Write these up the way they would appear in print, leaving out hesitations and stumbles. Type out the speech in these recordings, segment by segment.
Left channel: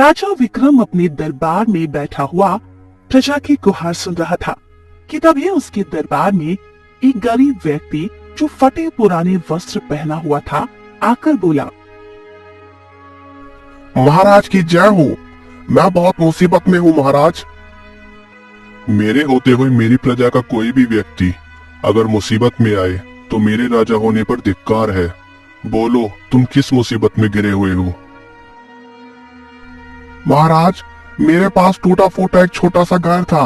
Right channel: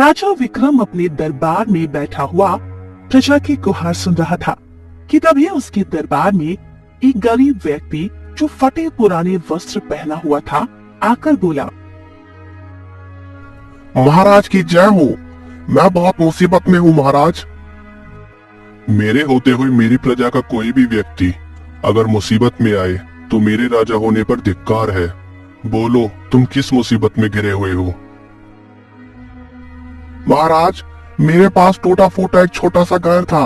राजा विक्रम अपने दरबार में बैठा हुआ प्रजा की गुहार सुन रहा था कि तभी उसके दरबार में एक गरीब व्यक्ति जो फटे पुराने वस्त्र पहना हुआ था आकर बोला, महाराज की जय हो। मैं बहुत मुसीबत में हूँ महाराज। मेरे होते हुए मेरी प्रजा का कोई भी व्यक्ति अगर मुसीबत में आए तो मेरे राजा होने पर धिक्कार है। बोलो तुम किस मुसीबत में गिरे हुए हो। महाराज मेरे पास टूटा फूटा एक छोटा सा घर था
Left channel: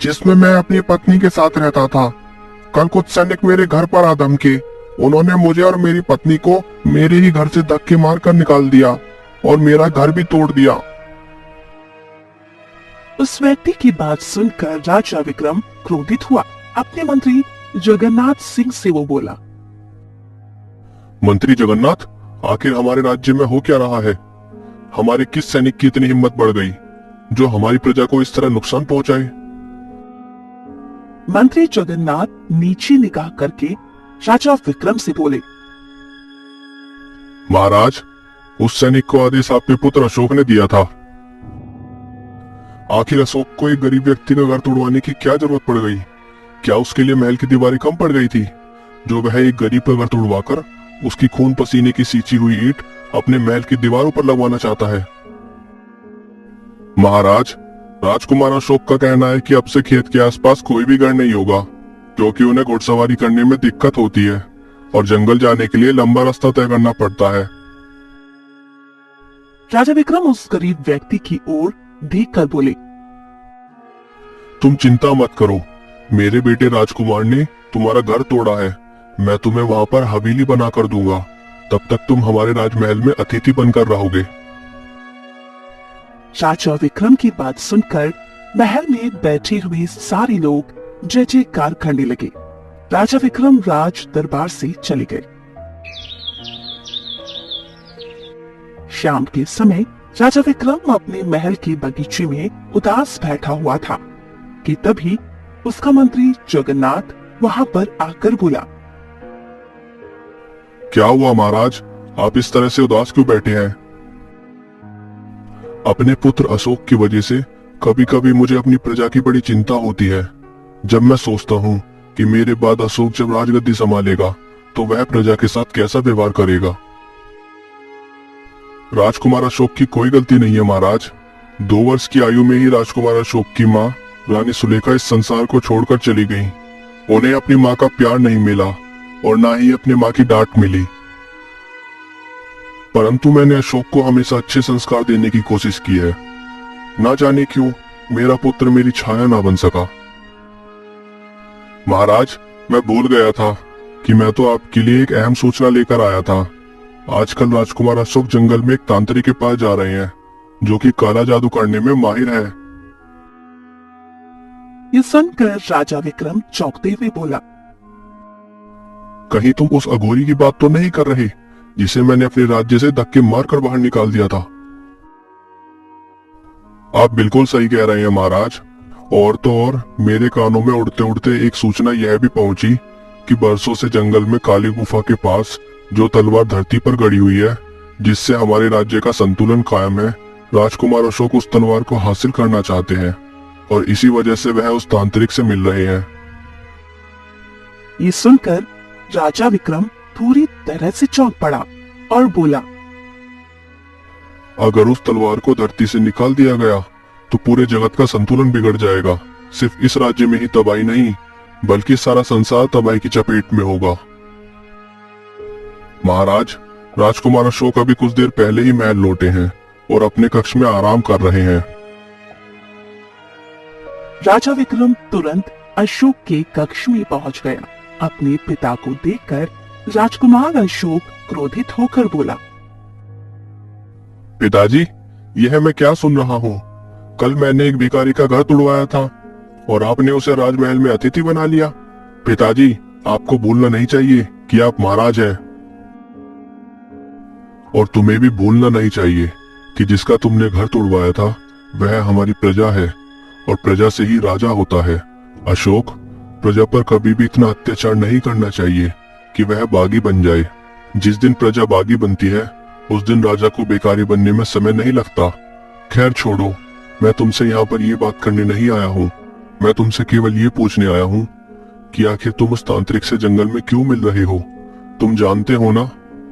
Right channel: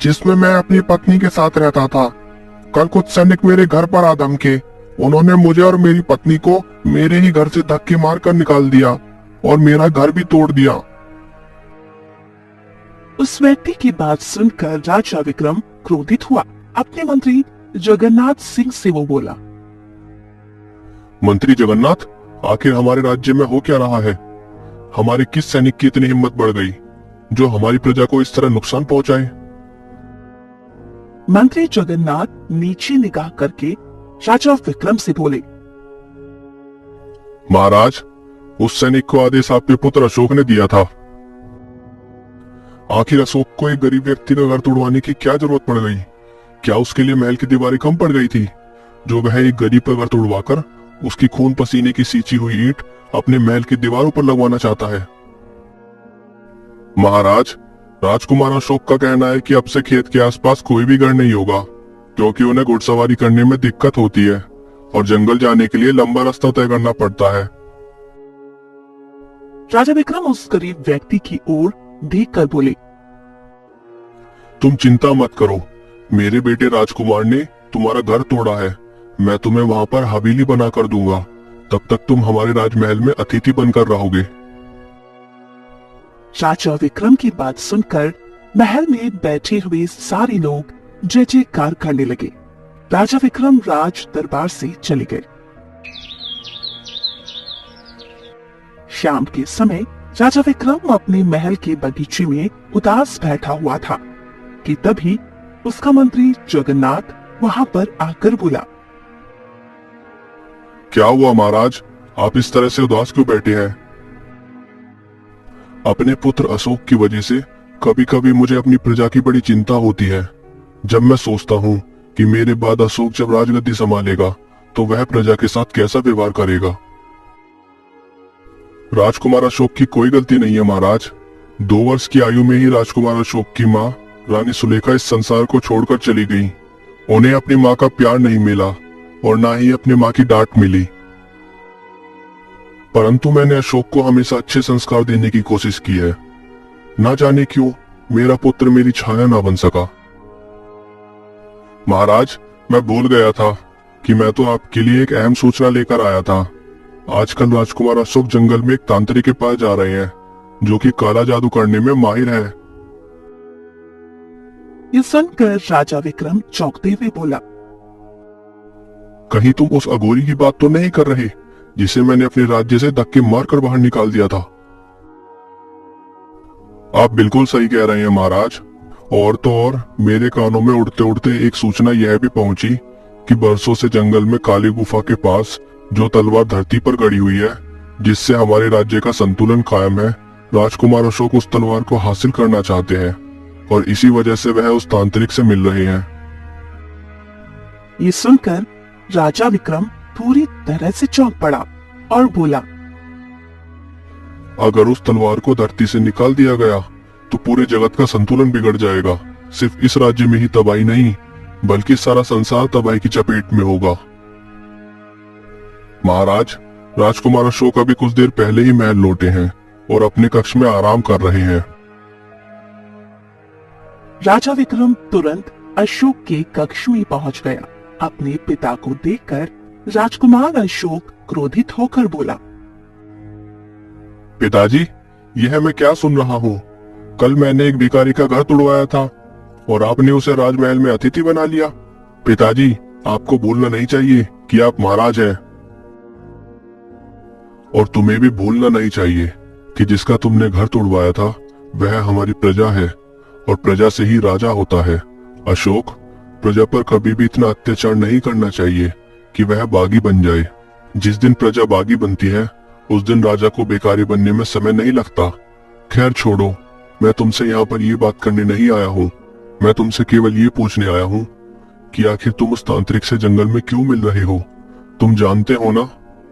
जिसमें मैं अपनी पत्नी के साथ रहता था। कल कुछ सैनिक मेरे घर पर आ धमके। उन्होंने मुझे और मेरी पत्नी को मेरे ही घर से धक्के मारकर निकाल दिया और मेरा घर भी तोड़ दिया। उस व्यक्ति की बात सुनकर राजा विक्रम क्रोधित हुआ। अपने मंत्री जगन्नाथ सिंह से वो बोला, मंत्री जगन्नाथ, आखिर हमारे राज्य में हो क्या रहा है? हमारे किस सैनिक की इतनी हिम्मत बढ़ गई जो हमारी प्रजा को इस तरह नुकसान पहुंचाए? मंत्री जगन्नाथ नीचे निगाह करके राजा विक्रम से बोले, महाराज उस सैनिक को आदेश आपके पुत्र अशोक ने दिया था। आखिर अशोक को एक गरीब व्यक्ति का घर तोड़वाने की क्या जरूरत पड़ गई? क्या उसके लिए महल की दीवारें कम पड़ गई थी जो वह एक गरीब का घर तोड़वाकर उसकी खून पसीने की सींची हुई ईंट अपने महल की दीवारों पर लगवाना चाहता है? महाराज राजकुमार अशोक का कहना है कि अब से खेत के आसपास कोई भी घर नहीं होगा क्योंकि उन्हें घुड़सवारी करने में दिक्कत होती है और जंगल जाने के लिए लंबा रास्ता तय करना पड़ता है। राजा विक्रम उस गरीब व्यक्ति की ओर देखकर बोले, तुम चिंता मत करो, मेरे बेटे राजकुमार ने तुम्हारा घर तोड़ा है। मैं तुम्हें वहां पर हवेली बना कर दूंगा। तब तक तुम हमारे राजमहल में अतिथि बनकर रहोगे। राजा विक्रम की बात सुनकर महल में बैठे हुए सारे लोग जय जयकार करने लगे। राजा विक्रम राज दरबार से चले गए। शाम के समय राजा विक्रम अपने महल के बगीचे में उदास बैठा हुआ था कि तभी उसका मंत्री जगन्नाथ वहां पर आकर बोला, क्या हुआ महाराज, आप इस तरह से उदास क्यों बैठे हैं? अपने पुत्र अशोक की वजह से कभी कभी मुझे अपनी प्रजा की बड़ी चिंता होती है। जब मैं सोचता हूँ कि मेरे बाद अशोक जब राजगद्दी संभालेगा तो वह प्रजा के साथ कैसा व्यवहार करेगा। राजकुमार अशोक की कोई गलती नहीं है महाराज। 2 वर्ष की आयु में ही राजकुमार अशोक की माँ रानी सुलेखा इस संसार को छोड़कर चली गई। उन्हें अपनी माँ का प्यार नहीं मिला और ना ही अपनी माँ की डांट मिली। परंतु मैंने अशोक को हमेशा अच्छे संस्कार देने की कोशिश की है। ना जाने क्यों मेरा पुत्र मेरी छाया ना बन सका। महाराज मैं भूल गया था कि मैं तो आपके लिए एक अहम सूचना लेकर आया था। आजकल राजकुमार अशोक जंगल में एक तांत्रिक के पास जा रहे हैं जो कि काला जादू करने में माहिर है। ये सुनकर राजा विक्रम चौंकते हुए बोला, कहीं तुम उस अघोरी की बात तो नहीं कर रहे जिसे मैंने अपने राज्य से धक्के मारकर बाहर निकाल दिया था? आप बिल्कुल सही कह रहे हैं महाराज। और तो और मेरे कानों में उड़ते उड़ते एक सूचना यह भी पहुंची कि बरसों से जंगल में काली गुफा के पास जो तलवार धरती पर गड़ी हुई है जिससे हमारे राज्य का संतुलन कायम है, राजकुमार अशोक उस तलवार को हासिल करना चाहते हैं और इसी वजह से वह उस तांत्रिक से मिल रहे हैं। ये सुनकर राजा विक्रम पूरी तरह से चौंक पड़ा और बोला, अगर उस तलवार को धरती से निकाल दिया गया तो पूरे जगत का संतुलन बिगड़ जाएगा। सिर्फ इस राज्य में ही तबाही नहीं बल्कि सारा संसार तबाही की चपेट में होगा। महाराज राजकुमार अशोक अभी कुछ देर पहले ही महल लौटे हैं और अपने कक्ष में आराम कर रहे हैं। राजा विक्रम तुरंत अशोक के कक्ष में पहुंच गया। अपने पिता को देखकर राजकुमार अशोक क्रोधित होकर बोला, पिताजी यह मैं क्या सुन रहा हूँ? कल मैंने एक भिखारी का घर तोड़वाया था और आपने उसे राजमहल में अतिथि बना लिया। पिताजी आपको भूलना नहीं चाहिए कि आप महाराज हैं और तुम्हें भी भूलना नहीं चाहिए कि जिसका तुमने घर तोड़वाया था वह हमारी प्रजा है और प्रजा से ही राजा होता है। अशोक प्रजा पर कभी भी इतना अत्याचार नहीं करना चाहिए कि वह बागी बन जाए। जिस दिन प्रजा बागी बनती है उस दिन राजा को भिखारी बनने में समय नहीं लगता। खैर छोड़ो, मैं तुमसे यहाँ पर ये बात करने नहीं आया हूँ। मैं तुमसे केवल ये पूछने आया हूँ कि आखिर तुम उस तांत्रिक से जंगल में क्यों मिल रहे हो? तुम जानते हो ना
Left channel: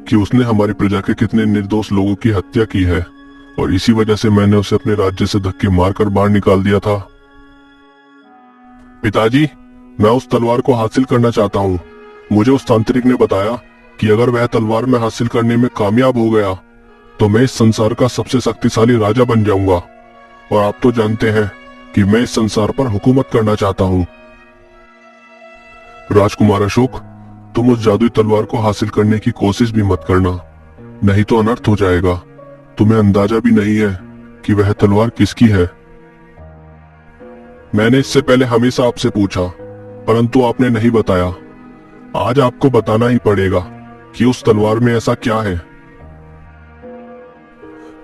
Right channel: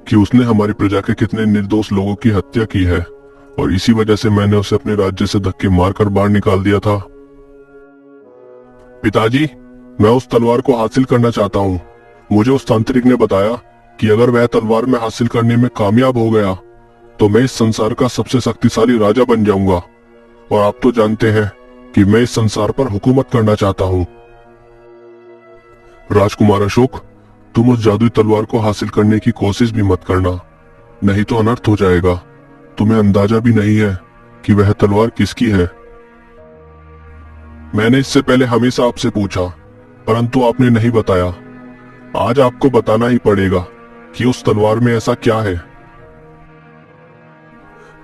कि उसने हमारी प्रजा के कितने निर्दोष लोगों की हत्या की है, और इसी वजह से मैंने उसे अपने राज्य से धक्के मारकर बाहर निकाल दिया था। पिताजी, मैं उस तलवार को हासिल करना चाहता हूँ। मुझे उस तांत्रिक ने बताया कि अगर वह तलवार में हासिल करने में कामयाब हो गया तो मैं इस संसार का सबसे शक्तिशाली राजा बन जाऊंगा, और आप तो जानते हैं कि मैं इस संसार पर हुकूमत करना चाहता हूँ। राजकुमार अशोक, तुम उस जादुई तलवार को हासिल करने की कोशिश भी मत करना, नहीं तो अनर्थ हो जाएगा। तुम्हें अंदाजा भी नहीं है कि वह तलवार किसकी है। मैंने इससे पहले हमेशा आपसे पूछा, परंतु आपने नहीं बताया। आज आपको बताना ही पड़ेगा कि उस तलवार में ऐसा क्या है।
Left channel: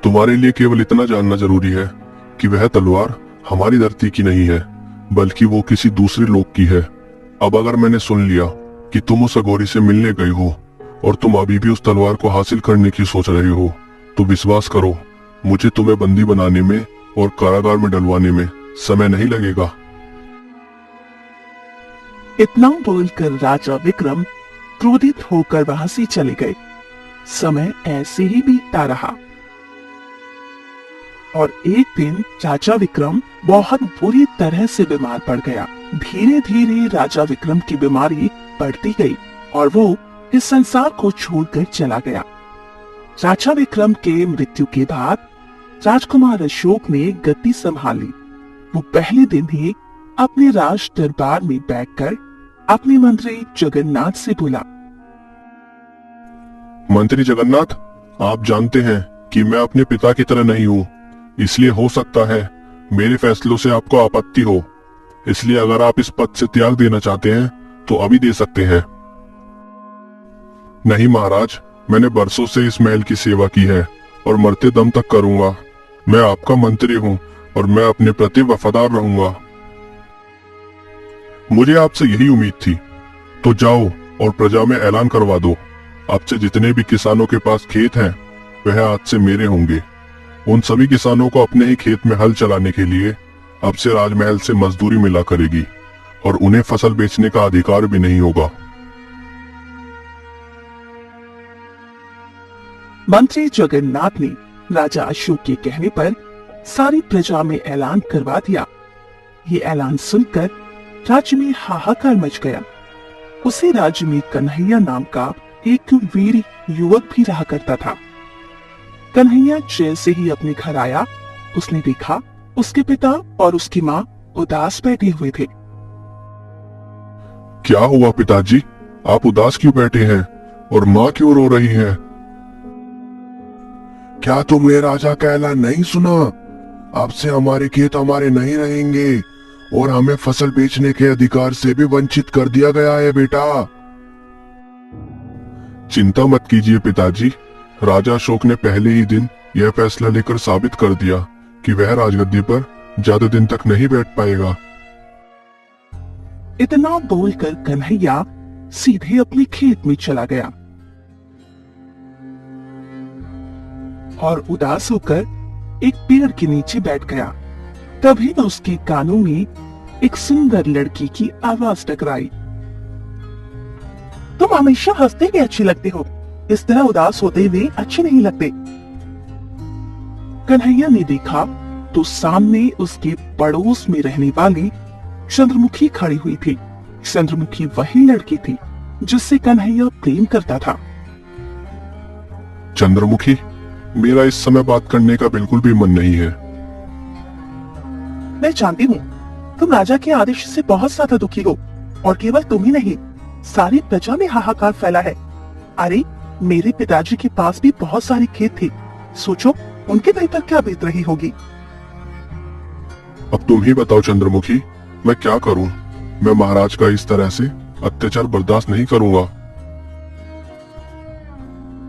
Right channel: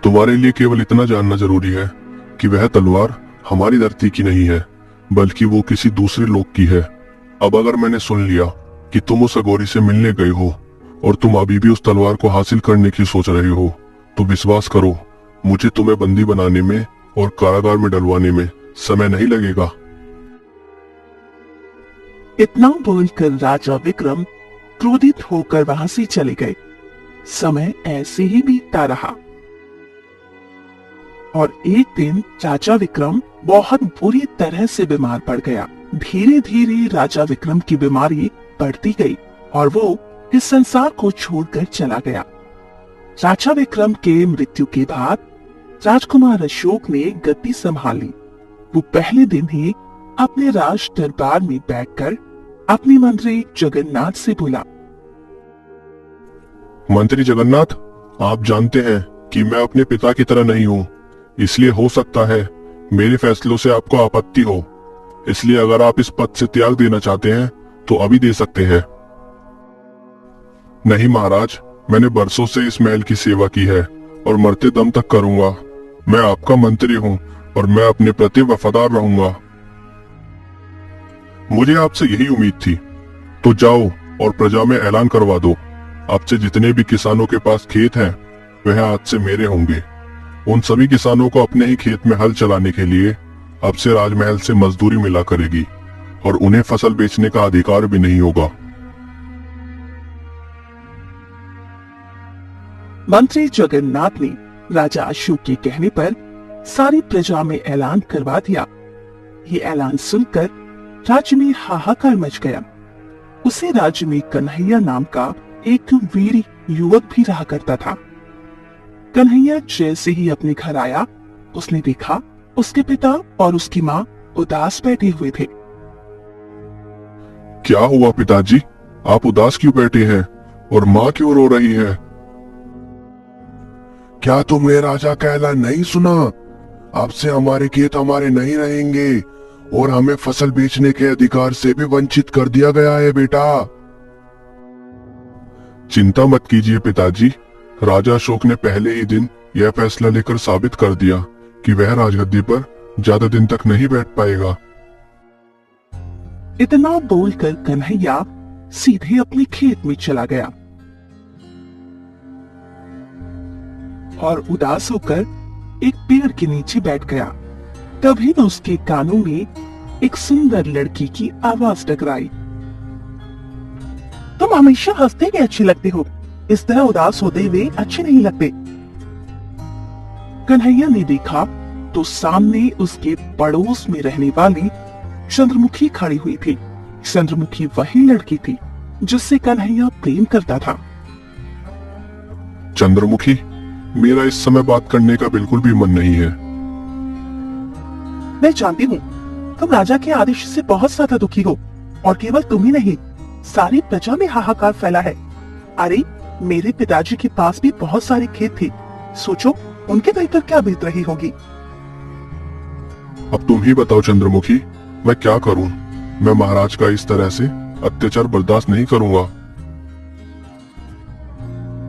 तुम्हारे लिए केवल इतना जानना जरूरी है कि वह तलवार हमारी धरती की नहीं है, बल्कि वो किसी दूसरे लोक की है। अब अगर मैंने सुन लिया कि तुम उस अघोरी से मिलने गए हो और तुम अभी भी उस तलवार को हासिल करने की सोच रहे हो, तो विश्वास करो, मुझे तुम्हें बंदी बनाने में और कारागार में डलवाने में समय नहीं लगेगा। इतना बोलकर राजा विक्रम क्रोधित होकर वहां से चले गए। समय ऐसे ही बीतता रहा और एक दिन चाचा विक्रम बहुत बुरी तरह से बीमार पड़ गया। धीरे धीरे राजा विक्रम की बीमारी बढ़ती गई और वो इस संसार को छोड़कर चला गया। चाचा विक्रम के मृत्यु के बाद राजकुमार अशोक ने गद्दी संभाली। वो पहले दिन ही अपने राज दरबार में बैठकर अपने मंत्री जगन्नाथ से बोला, मंत्री जगन्नाथ, आप जानते हैं कि मैं अपने पिता की तरह नहीं हूँ, इसलिए हो सकता है मेरे फैसलों से आपको आपत्ति हो। इसलिए अगर आप इस पद से त्याग देना चाहते हैं तो अभी दे सकते हैं। नहीं महाराज, मैंने बरसों से इस महल की सेवा की है और मरते दम तक करूंगा। मैं आपका मंत्री हूँ और मैं अपने प्रति वफादार रहूंगा। मुझे आपसे यही उम्मीद थी। तो जाओ और प्रजा में ऐलान करवा दो, आपसे जितने भी किसानों के पास खेत हैं, वह आज से मेरे होंगे। उन सभी किसानों को अपने ही खेत में हल चलाने के लिए अब से राजमहल से मजदूरी मिला करेगी और उन्हें फसल बेचने का अधिकार भी नहीं होगा। मंत्री जगन्नाथ ने राजा अशोक के कहने पर सारी प्रजा में ऐलान करवा दिया। ये ऐलान सुनकर राज्य में हाहाकार मच गया। उसी राज्य में कन्हैया नाम का एक वीर युवक भी रहा करता था। कन्हैया जैसे ही अपने घर आया, उसने देखा उसके पिता और उसकी माँ उदास बैठे हुए थे। क्या हुआ पिताजी, आप उदास क्यों बैठे हैं और माँ क्यों रो रही है? क्या तुमने राजा का ऐलान नहीं सुना? अब से हमारे खेत हमारे नहीं रहेंगे और हमें फसल बेचने के अधिकार से भी वंचित कर दिया गया है बेटा। चिंता मत कीजिए पिताजी, राजा अशोक ने पहले ही दिन यह फैसला लेकर साबित कर दिया कि वह राजगद्दी पर ज्यादा दिन तक नहीं बैठ पाएगा। इतना बोलकर कन्हैया सीधे अपने खेत में चला गया और उदास होकर एक पेड़ के नीचे बैठ गया। तभी उसके कानों में एक सुंदर लड़की की आवाज टकराई। तुम हमेशा हंसते ही अच्छी लगते हो, इस तरह उदास होते हुए अच्छे नहीं लगते। कन्हैया ने देखा तो सामने उसके पड़ोस में रहने वाली चंद्रमुखी खड़ी हुई थी। चंद्रमुखी वही लड़की थी जिससे कन्हैया प्रेम करता था। चंद्रमुखी, मेरा इस समय बात करने का बिल्कुल भी मन नहीं है। मैं जानती हूँ तुम राजा के आदेश से बहुत ज्यादा दुखी हो, और केवल तुम ही नहीं, सारी प्रजा में हाहाकार फैला है। अरे, मेरे पिताजी के पास भी बहुत सारे खेत थे, सोचो उनके दिल पर क्या बीत रही होगी। अब तुम ही बताओ चंद्रमुखी, मैं क्या करूं? मैं महाराज का इस तरह से अत्याचार बर्दाश्त नहीं करूंगा।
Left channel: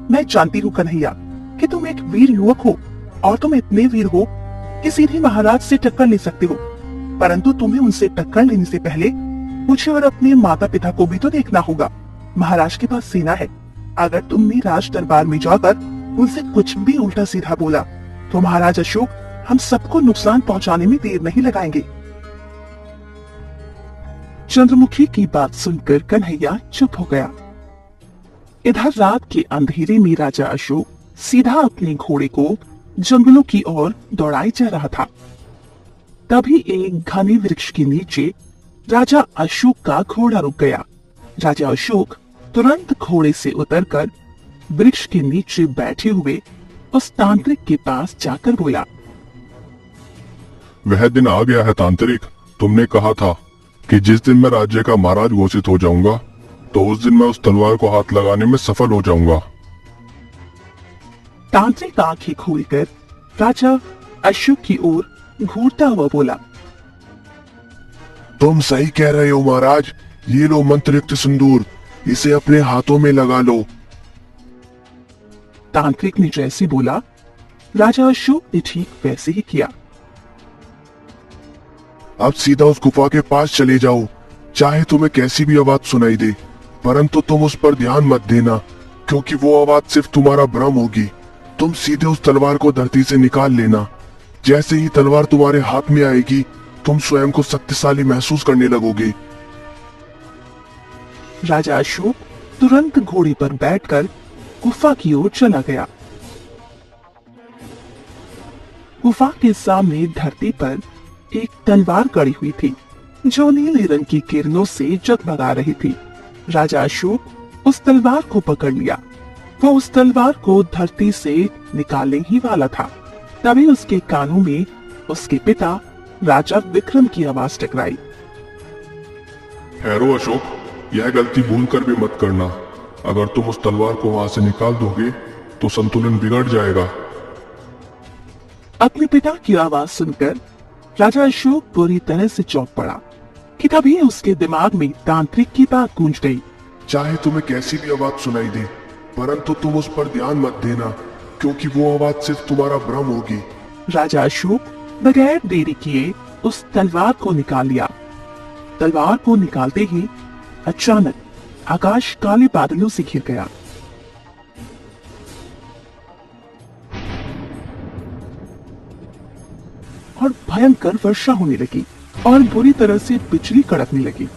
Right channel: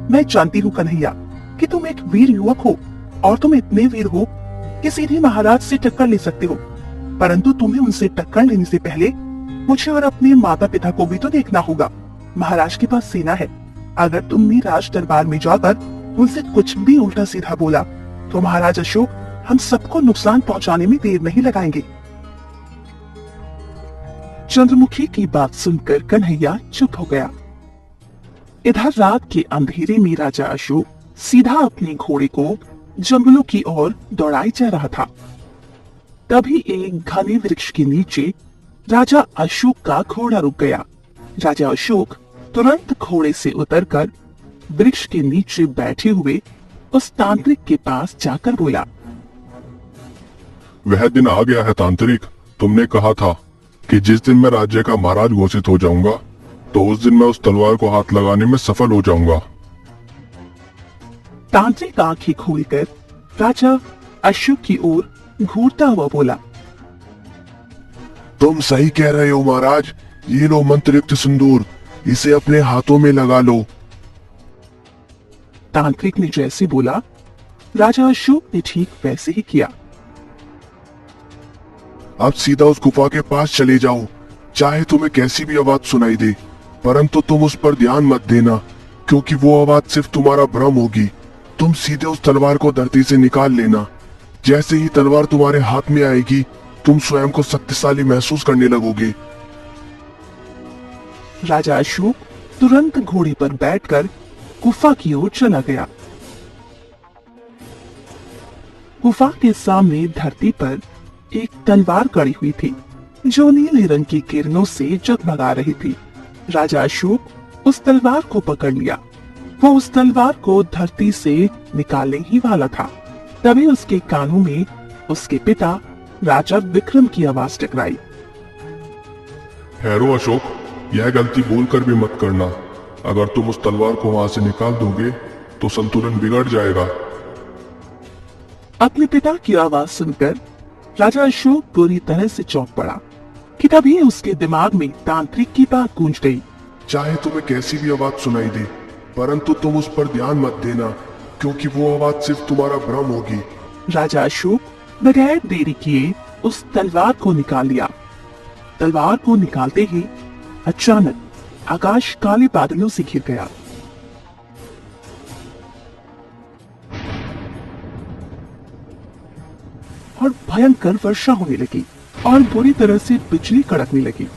मैं जानती हूँ कन्हैया कि तुम एक वीर युवक हो और तुम इतने वीर हो कि सीधे महाराज से टक्कर ले सकते हो, परंतु तुम्हें उनसे टक्कर लेने से पहले मुझे और अपने माता पिता को भी तो देखना होगा। महाराज के पास सेना है, अगर तुमने राज दरबार में जाकर उनसे कुछ भी उल्टा सीधा बोला तो महाराज अशोक हम सबको नुकसान पहुंचाने में देर नहीं लगाएंगे। चंद्रमुखी की बात सुनकर कन्हैया चुप हो गया। इधर रात के अंधेरे में राजा अशोक सीधा अपने घोड़े को जंगलों की ओर दौड़ाई जा रहा था। तभी एक घने वृक्ष के नीचे राजा अशोक का घोड़ा रुक गया। राजा अशोक तुरंत घोड़े से उतरकर वृक्ष के नीचे बैठे हुए उस तांत्रिक के पास जाकर बोला, वह दिन आ गया है तांत्रिक। तुमने कहा था कि जिस दिन मैं राज्य का महाराज घोषित हो जाऊंगा तो उस दिन मैं उस तलवार को हाथ लगाने में सफल हो जाऊंगा। तांत्रिक आंखें खोलकर राजा अशोक की ओर घूरता हुआ बोला, तुम सही कह रहे हो महाराज। ये लो मंत्रयुक्त सिंदूर, इसे अपने हाथों में लगा लो। तांत्रिक ने जैसे बोला, राजा अशोक ने ठीक वैसे ही किया। अब सीधा उस गुफा के पास चले जाओ। चाहे तुम्हें कैसी भी आवाज सुनाई दे, परंतु तुम उस पर ध्यान मत देना, क्योंकि वो आवाज सिर्फ तुम्हारा भ्रम होगी। तुम सीधे उस तलवार को धरती से निकाल लेना। जैसे ही तलवार तुम्हारे हाथ में आएगी, तुम स्वयं को शक्तिशाली महसूस करने लगोगे। राजा अशोक तुरंत घोड़े पर बैठकर गुफा की ओर चला गया। गुफा के सामने धरती पर एक तलवार गड़ी हुई थी, जो नीले रंग की किरणों से जगमगा रही थी। राजा अशोक उस तलवार को पकड़ लिया। वो उस तलवार को धरती से निकालने ही वाला था। तभी उसके कानों में उसके पिता राजा विक्रम की आवाज टकराई। ठहरो अशोक, यह गलती भूल कर भी मत करना। अगर तुम उस तलवार को वहां से निकाल दोगे तो संतुलन बिगड़ जाएगा। अपने पिता की आवाज सुनकर राजा अशोक बुरी तरह से चौंक पड़ा कि तभी उसके दिमाग में तांत्रिक की बात गूंज गई। चाहे तुम्हें कैसी भी आवाज सुनाई दे, परंतु तुम उस पर ध्यान मत देना, क्योंकि वो आवाज सिर्फ तुम्हारा भ्रम होगी। राजा अशोक बगैर देरी किए उस तलवार को निकाल लिया। तलवार को निकालते ही अचानक आकाश काले बादलों से घिर गया। और भयंकर वर्षा होने लगी और बुरी तरह से बिजली कड़कने लगी।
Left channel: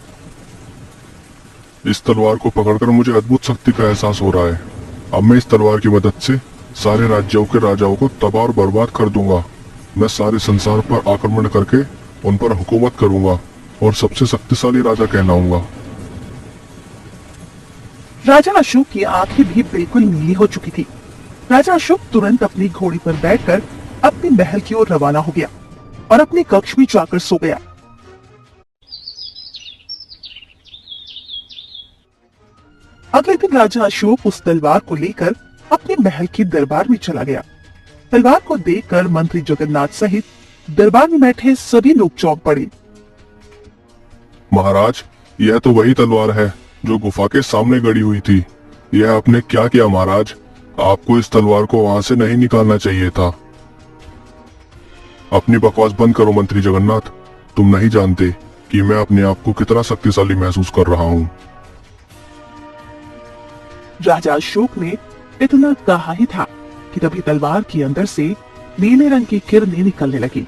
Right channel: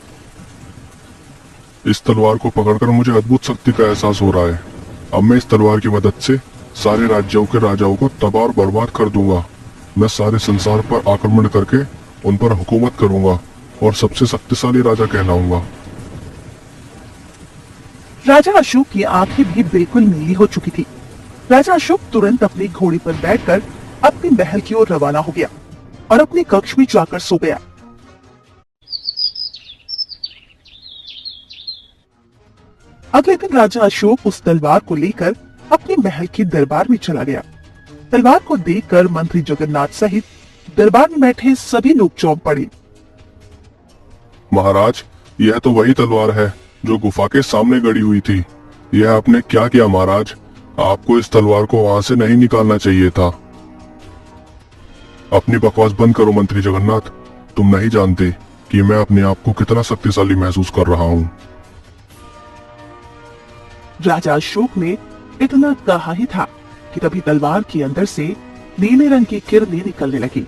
इस तलवार को पकड़कर मुझे अद्भुत शक्ति का एहसास हो रहा है। अब मैं इस तलवार की मदद से सारे राज्यों के राजाओं को तबाह और बर्बाद कर दूंगा। मैं सारे संसार पर आक्रमण करके उन पर हुकूमत करूंगा और सबसे शक्तिशाली राजा कहलाऊंगा। राजा अशोक की आंखें भी बिल्कुल नीली हो चुकी थी। राजा अशोक तुरंत अपनी घोड़ी पर बैठकर अपने महल की ओर रवाना हो गया और अपने कक्ष में जाकर सो गया। अगले दिन राजा अशोक उस तलवार को लेकर अपने महल के दरबार में चला गया। तलवार को देखकर मंत्री जगन्नाथ सहित दरबार में बैठे सभी लोग चौंक पड़े। महाराज, यह तो वही तलवार है जो गुफा के सामने गड़ी हुई थी। यह आपने क्या किया महाराज? आपको इस तलवार को वहां से नहीं निकालना चाहिए था। अपनी बकवास बंद करो मंत्री जगन्नाथ। तुम नहीं जानते कि मैं अपने आप को कितना शक्तिशाली महसूस कर रहा हूँ। राजा अशोक ने इतना कहा ही था कि तभी तलवार के अंदर से नीले रंग की किरणें निकलने लगी।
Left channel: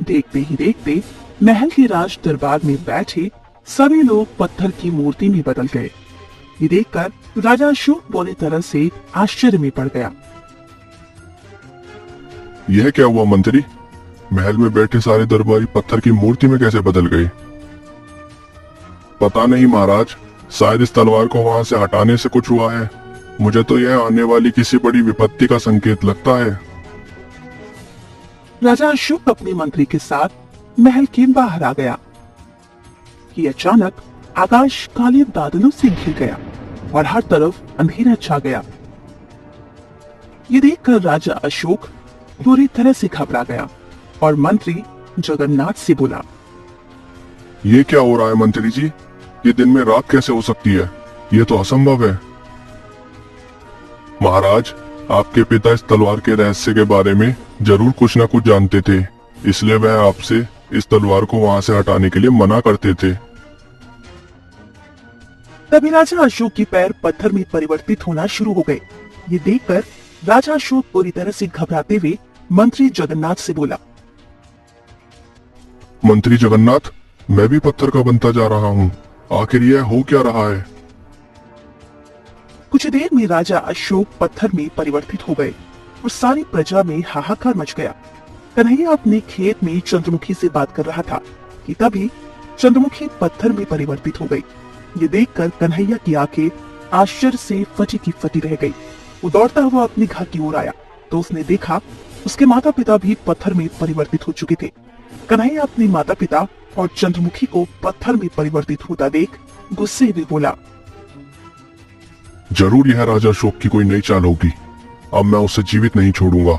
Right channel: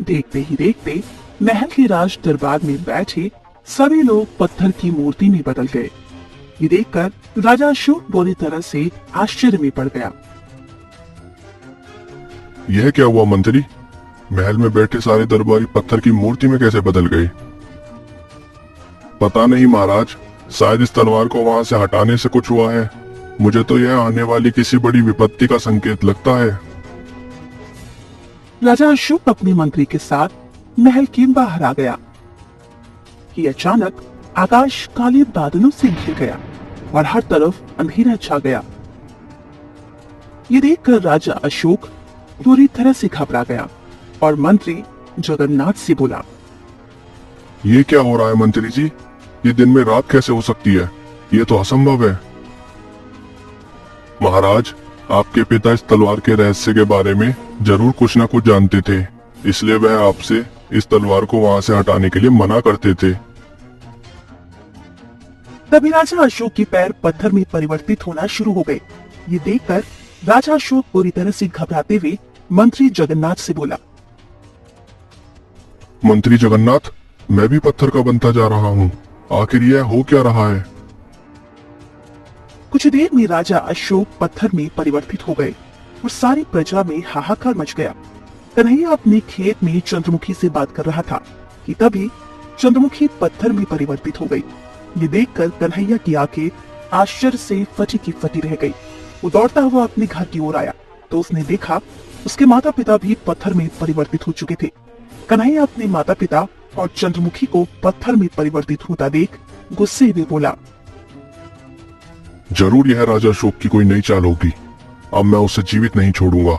देखते ही देखते महल के राज दरबार में बैठे सभी लोग पत्थर की मूर्ति में बदल गए। ये देखकर राजा अशोक बुरी तरह से आश्चर्य में पड़ गया। यह क्या हुआ मंत्री? महल में बैठे सारे दरबारी पत्थर की मूर्ति में कैसे बदल गए? पता नहीं महाराज, शायद इस तलवार को वहां से हटाने से कुछ हुआ है। मुझे तो यह आने वाली किसी बड़ी विपत्ति का संकेत लगता है। राजा अशोक अपने मंत्री के साथ महल के बाहर आ गया कि अचानक आकाश काले बादलों से घिर गया और हर तरफ अंधेरा छा गया। ये देखकर राजा अशोक पूरी तरह से घबरा गया और मंत्री जगन्नाथ से बोला, ये क्या हो रहा है मंत्री जी? ये दिन में रात कैसे हो सकती है? ये तो असंभव है। महाराज, आपके पिता इस तलवार के रहस्य के बारे में जरूर कुछ न कुछ जानते थे, इसलिए वह आपसे इस तलवार को वहां से हटाने के लिए मना करते थे। तभी राजा अशोक के पैर पत्थर में परिवर्तित होना शुरू हो गए। ये देखकर राजा अशोक पूरी तरह से घबराते हुए मंत्री जगन्नाथ से बोला। मंत्री जगन्नाथ, मैं भी पत्थर का बनता जा रहा हूँ, आखिर यह हो क्या रहा है? कुछ देर में राजा अशोक पत्थर में परिवर्तित हो गए और सारी प्रजा में हाहाकार मच गया। कन्हैया अपने खेत में चंद्रमुखी से बात कर रहा था कि तभी चंद्रमुखी पत्थर में परिवर्तित हो गई। ये देखकर कन्हैया की आंखें आश्चर्य से फटी की फटी रह गई। वो दौड़ता हुआ अपने घर की ओर आया तो उसने देखा उसके माता पिता भी पत्थर में परिवर्तित हो चुके थे। कन्हैया अपने माता पिता और चंद्रमुखी को पत्थर में परिवर्तित होता देख गुस्से में बोला। जरूर यह राजा अशोक की कोई नई चाल होगी। अब मैं उसे जीवित नहीं छोड़ूंगा।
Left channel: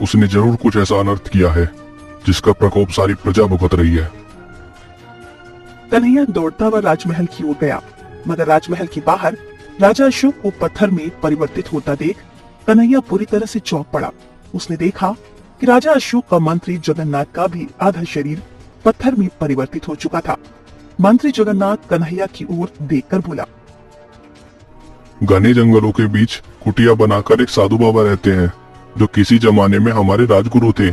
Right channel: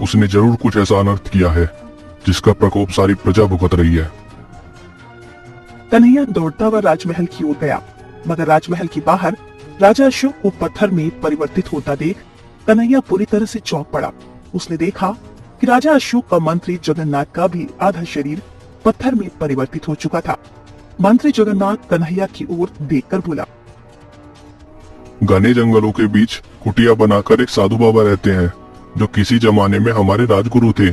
उसने जरूर कुछ ऐसा अनर्थ किया है जिसका प्रकोप सारी प्रजा भुगत रही है। कन्हैया दौड़ता हुआ राजमहल की ओर गया, मगर राजमहल के बाहर राजा अशोक को पत्थर में परिवर्तित होता देख कन्हैया पूरी तरह से चौंक पड़ा। उसने देखा कि राजा अशोक का मंत्री जगन्नाथ का भी आधा शरीर पत्थर में परिवर्तित हो चुका था। मंत्री जगन्नाथ कन्हैया की ओर देखकर बोला। घने जंगलों के बीच कुटिया बनाकर एक साधु बाबा रहते हैं जो किसी जमाने में हमारे राजगुरु थे।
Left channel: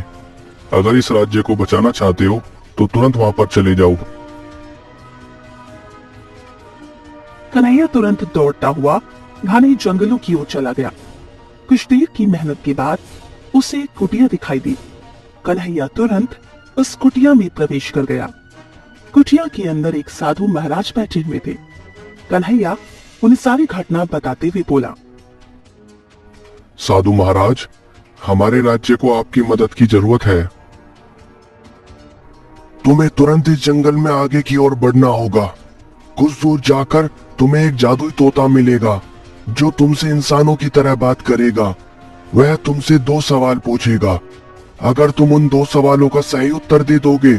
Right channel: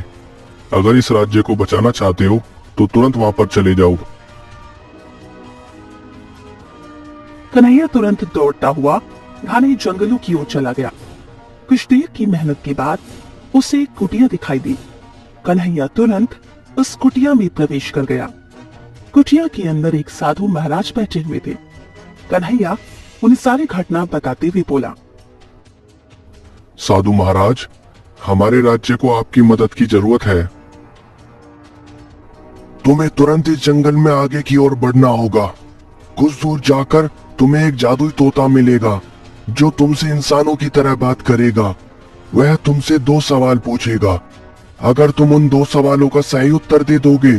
अगर इस राज्य को बचाना चाहते हो तो तुरंत वहां पर चले जाओ। कन्हैया तुरंत दौड़ता हुआ घने जंगलों की ओर चला गया। कुछ देर की मेहनत के बाद उसे एक कुटिया दिखाई दी। कन्हैया तुरंत उस कुटिया में प्रवेश कर गया। कुटिया के अंदर एक साधु महाराज बैठे हुए थे। कन्हैया उन्हें सारी घटना बताते हुए बोला। साधु महाराज, हमारे राज्य को आपकी मदद की जरूरत है। तुम्हें तुरंत इस जंगल में आगे की ओर बढ़ना होगा। कुछ दूर जाकर तुम्हें एक जादुई तोता मिलेगा जो तुमसे इंसानों की तरह बात करेगा। वह तुमसे 2 सवाल पूछेगा। अगर तुम उन 2 सवालों का सही उत्तर दे दोगे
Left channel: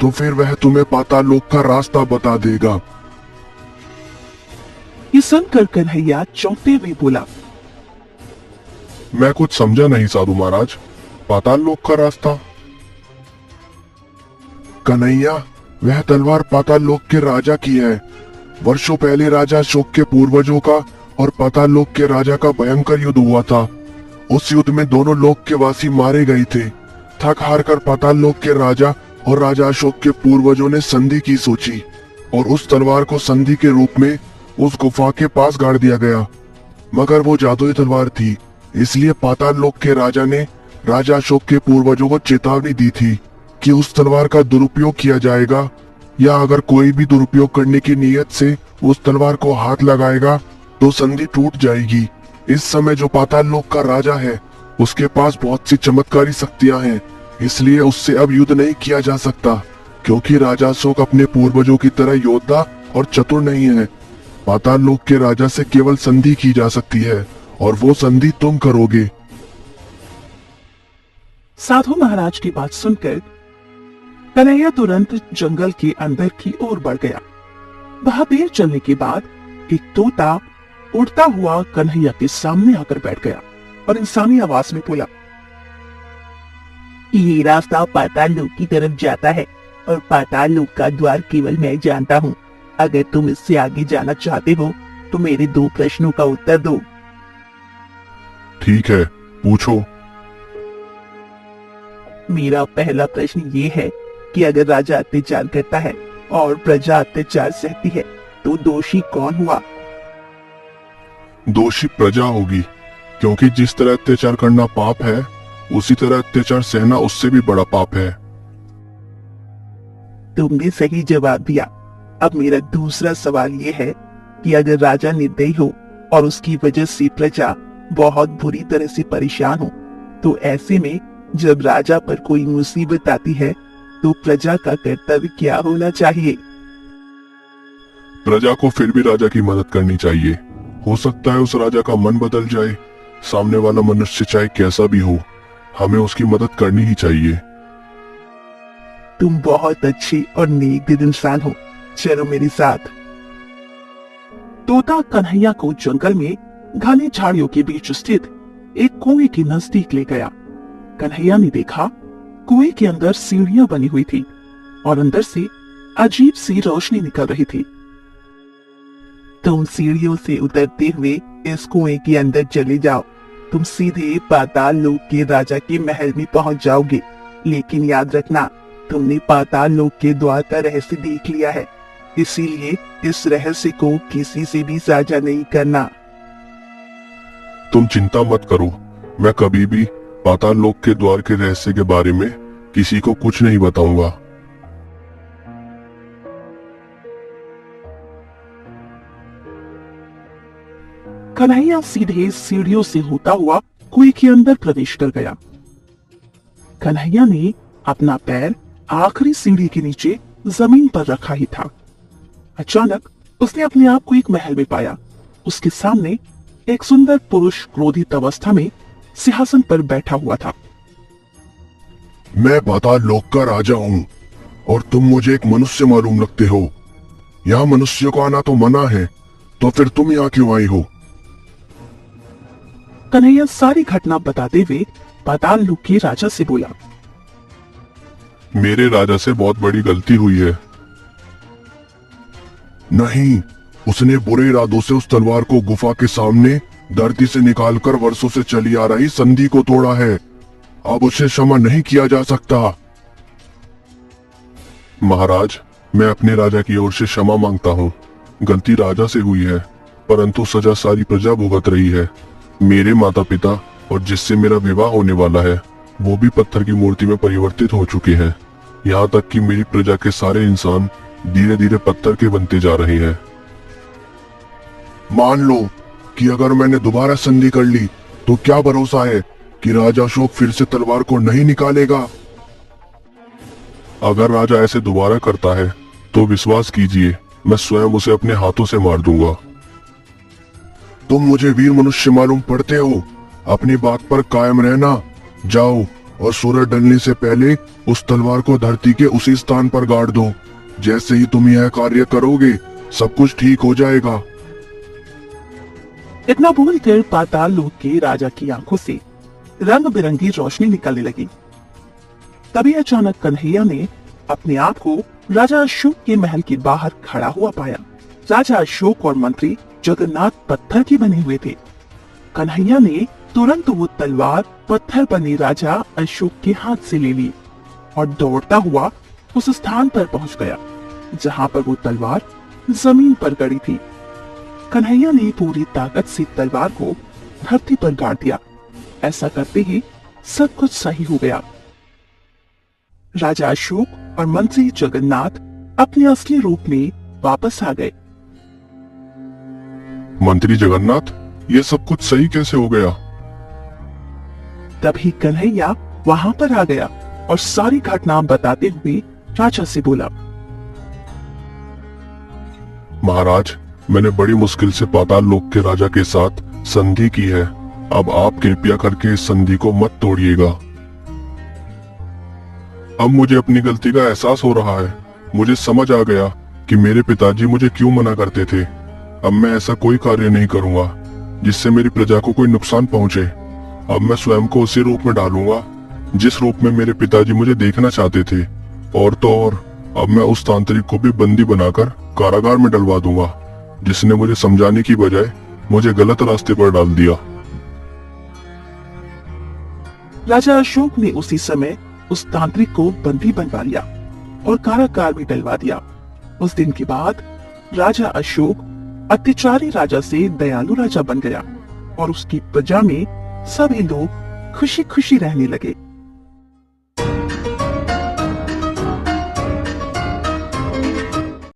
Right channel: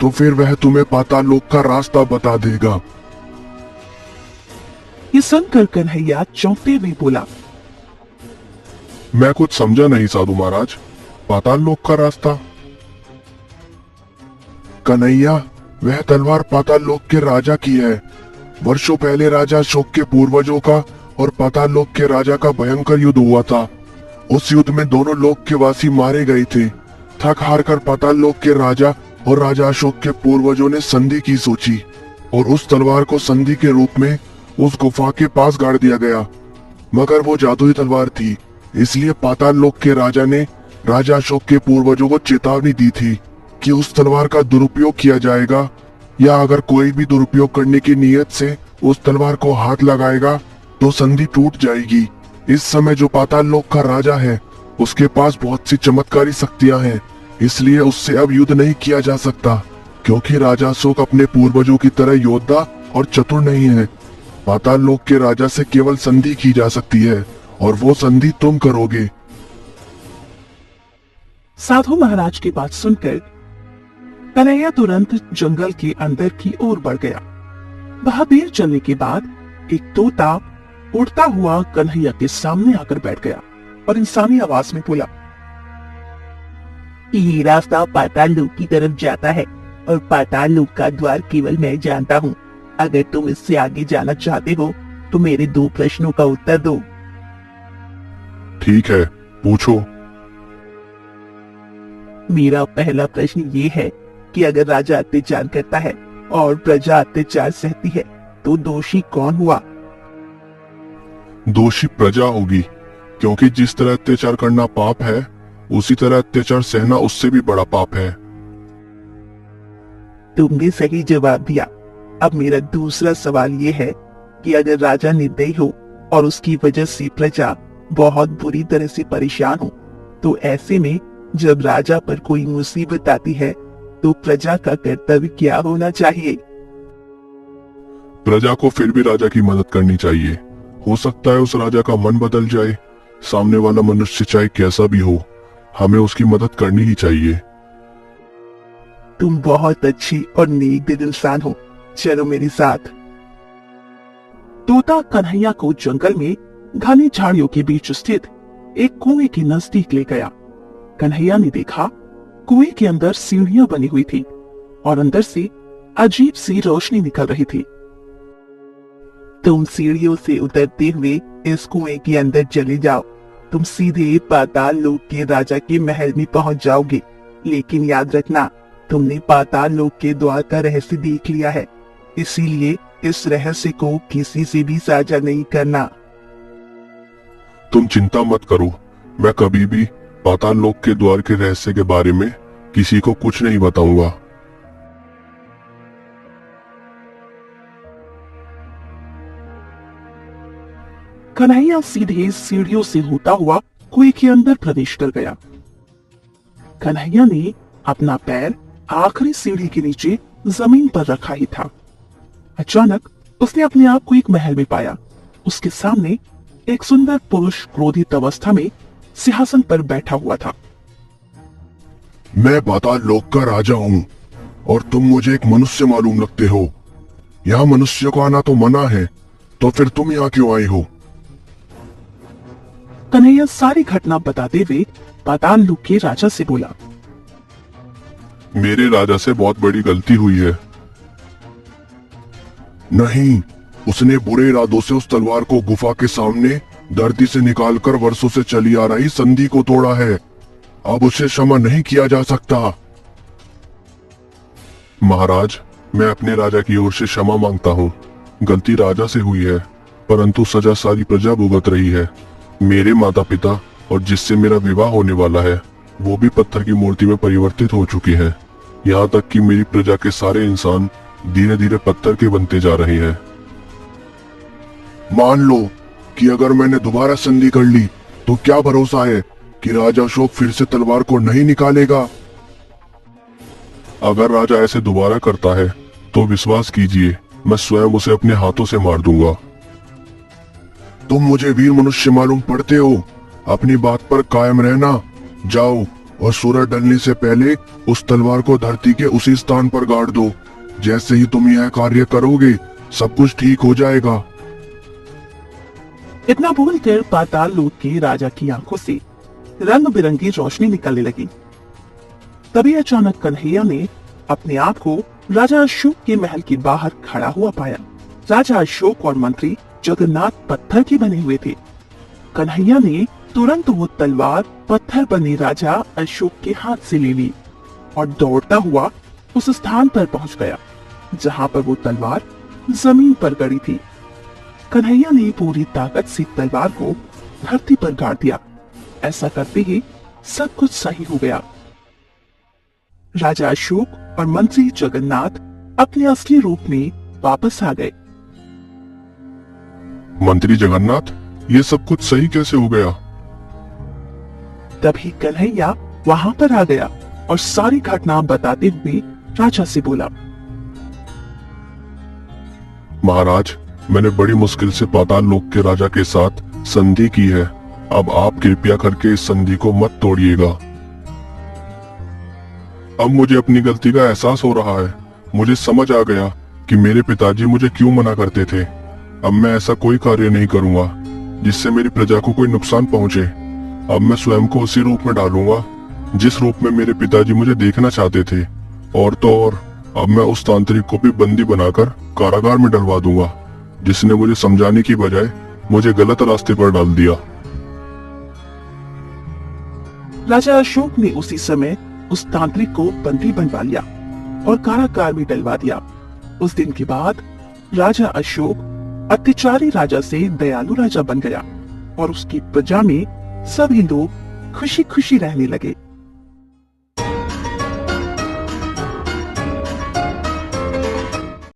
तो फिर वह तुम्हें पाताल लोक का रास्ता बता देगा। ये सुनकर कन्हैया चौंकते हुए बोला। मैं कुछ समझा नहीं साधु महाराज, पाताल लोक का रास्ता? कन्हैया, वह तलवार पाताल लोक के राजा की है। वर्षों पहले राजा अशोक के पूर्वजों का और पाताल लोक के राजा का भयंकर युद्ध हुआ था। उस युद्ध में दोनों लोक के वासी मारे गए थे। थक हार कर पाताल लोक के राजा और राजा अशोक के पूर्वजों ने संधि की सोची और उस तलवार को संधि के रूप में उस गुफा के पास गाड़ दिया गया। मगर वो जादुई तलवार थी, इसलिए पाताल लोक के राजा ने राजा अशोक के पूर्वजों को चेतावनी दी थी कि उस तलवार का दुरुपयोग किया जाएगा या अगर कोई भी दुरुपयोग करने की नीयत से उस तलवार को हाथ लगाएगा तो संधि टूट जाएगी। इस समय जो पाताल लोक का राजा है उसके पास बहुत सी चमत्कारी शक्तियां हैं, इसलिए उससे अब युद्ध नहीं किया जा सकता क्योंकि राजा अशोक अपने पूर्वजों की तरह योद्धा और चतुर नहीं है। पाताल लोक के राजा से केवल संधि की जा सकती है और वो संधि तुम करोगे। साधु महाराज की बात सुनकर कन्हैया तुरंत जंगल के अंदर की ओर बढ़ गया। वहां देर चलने के बाद एक तोता उड़ता हुआ कन्हैया के सामने आकर बैठ गया और इंसानी आवाज में बोला। ये रास्ता पाताल लोक की तरफ जाता है और पाताल लोक का द्वार केवल मैं जानता हूँ। अगर तुम इससे आगे जाना चाहते हो तो मेरे 2 प्रश्नों का उत्तर दो। ठीक है, पूछो। मेरा पहला प्रश्न ये है कि अगर राजा अत्याचार करता है और प्रजा अत्याचार सहती है तो दोषी कौन हुआ? दोषी प्रजा होगी, क्योंकि जिस तरह अत्याचार करना पाप है उसी तरह अत्याचार सहना उससे भी बड़ा पाप है। तुमने सही जवाब दिया। अब मेरा दूसरा सवाल ये है कि अगर राजा निर्दयी हो और उसकी वजह से प्रजा बहुत बुरी तरह से परेशान हो तो ऐसे में जब राजा पर कोई मुसीबत आती है तो प्रजा का कर्तव्य क्या होना चाहिए? प्रजा को फिर भी राजा की मदद करनी चाहिए। हो सकता है उस राजा का मन बदल जाए। सामने वाला मनुष्य चाहे कैसा भी हो, हमें उसकी मदद करनी ही चाहिए। तुम बहुत अच्छे और नेक दिल इंसान हो, चलो मेरे साथ। तोता कन्हैया को जंगल में घने झाड़ियों के बीच स्थित एक कुएं के नजदीक ले गया। कन्हैया ने देखा कुएं के अंदर सीढ़ियां बनी हुई थी और अंदर से अजीब सी रोशनी निकल रही थी। तुम सीढ़ियों से उतरते हुए इस कुएं के अंदर चले जाओ। तुम सीधे पाताल लोक के राजा के महल में पहुंच जाओगे। लेकिन याद रखना, तुमने पाताल लोक के द्वार का रहस्य देख लिया है, इसीलिए इस रहस्य को किसी से भी साझा नहीं करना। तुम चिंता मत करो, मैं कभी भी पाताल लोक के द्वार के रहस्य के बारे में किसी को कुछ नहीं बताऊंगा। कन्हैया सीधे सीढ़ियों से होता हुआ कुएं के अंदर प्रवेश कर गया। कन्हैया ने अपना पैर आखिरी सीढ़ी के नीचे जमीन पर रखा ही था। अचानक उसने अपने आप को एक महल में पाया। उसके सामने एक सुंदर पुरुष क्रोधित अवस्था में सिंहासन पर बैठा हुआ था। मैं पाताल लोक का राजा हूँ और तुम मुझे एक मनुष्य मालूम रखते हो। यहाँ मनुष्य को आना तो मना है, तो फिर तुम यहाँ क्यों आई हो? कन्हैया सारी घटना बताते हुए पाताल लोक के राजा से बोला, मेरे राजा से बहुत बड़ी गलती हुई है। नहीं, उसने बुरे इरादों से उस तलवार को गुफा के सामने धरती से निकालकर वर्षों से चली आ रही संधि को तोड़ा है। अब उसे क्षमा नहीं किया जा सकता। महाराज, मैं अपने राजा की ओर से क्षमा मांगता हूँ। गलती राजा से हुई है, परंतु सजा सारी प्रजा भुगत रही है। मेरे माता पिता और जिससे मेरा विवाह होने वाला है, वो भी पत्थर की मूर्ति में परिवर्तित हो चुके हैं। यहाँ तक कि मेरी प्रजा के सारे इंसान धीरे धीरे पत्थर के बनते जा रहे हैं। मान लो कि अगर मैंने दोबारा संधि कर ली, तो क्या भरोसा है कि राजा अशोक फिर से तलवार को नहीं निकालेगा? अगर राजा ऐसे दोबारा करता है, तो विश्वास कीजिए, मैं स्वयं उसे अपने हाथों से मार दूंगा। तुम मुझे वीर मनुष्य मालूम पड़ते हो। अपनी बात पर कायम रहना। जाओ और सूरज ढलने से पहले उस तलवार को धरती के उसी स्थान पर गाड़ दो। जैसे ही तुम यह कार्य करोगे, सब कुछ ठीक हो जाएगा। इतना बोलकर पाताल लोक के राजा की आंखों से रंग बिरंगी रोशनी निकलने लगी। तभी अचानक कन्हैया ने अपने आप को राजा अशोक के महल के बाहर खड़ा हुआ पाया। राजा अशोक और मंत्री जगन्नाथ पत्थर की बने हुए थे। कन्हैया ने तुरंत वो तलवार पत्थर बने राजा अशोक के हाथ से ले ली और दौड़ता हुआ उस स्थान पर पहुंच गया जहां पर वो तलवार जमीन पर गड़ी थी। कन्हैया ने पूरी ताकत से तलवार को धरती पर गाड़ दिया। ऐसा करते ही सब कुछ सही हो गया। राजा अशोक और मंत्री जगन्नाथ अपने असली रूप में वापस आ गए। मंत्री जगन्नाथ, ये सब कुछ सही कैसे हो गया? तभी कन्हैया वहां पर आ गया और सारी घटना बताते हुए राजा से बोला, महाराज, मैंने बड़ी मुश्किल से पाताल लोक के राजा के साथ संधि की है। अब आप कृपया करके इस संधि को मत तोड़िएगा। अब मुझे अपनी गलती का एहसास हो रहा है। मुझे समझ आ गया कि मेरे पिताजी मुझे क्यों मना करते थे। अब मैं ऐसा कोई कार्य नहीं करूंगा जिससे मेरी प्रजा को कोई नुकसान पहुंचे। अब मैं स्वयं को उसी रूप में डालूंगा जिस रूप में मेरे पिताजी मुझे देखना चाहते थे। और तो और, अब मैं उस तांत्रिक को भी बंदी बनाकर कारागार में डलवा दूंगा, जिसने मुझे समझाने की बजाय मुझे गलत रास्ते पर डाल दिया। राजा अशोक ने उसी समय उस तांत्रिक को बंदी बनवा लिया और कारागार में डलवा दिया। उस दिन के बाद राजा अशोक अत्याचारी राजा से दयालु राजा बन गया और उसकी प्रजा में सभी लोग खुशी खुशी रहने लगे।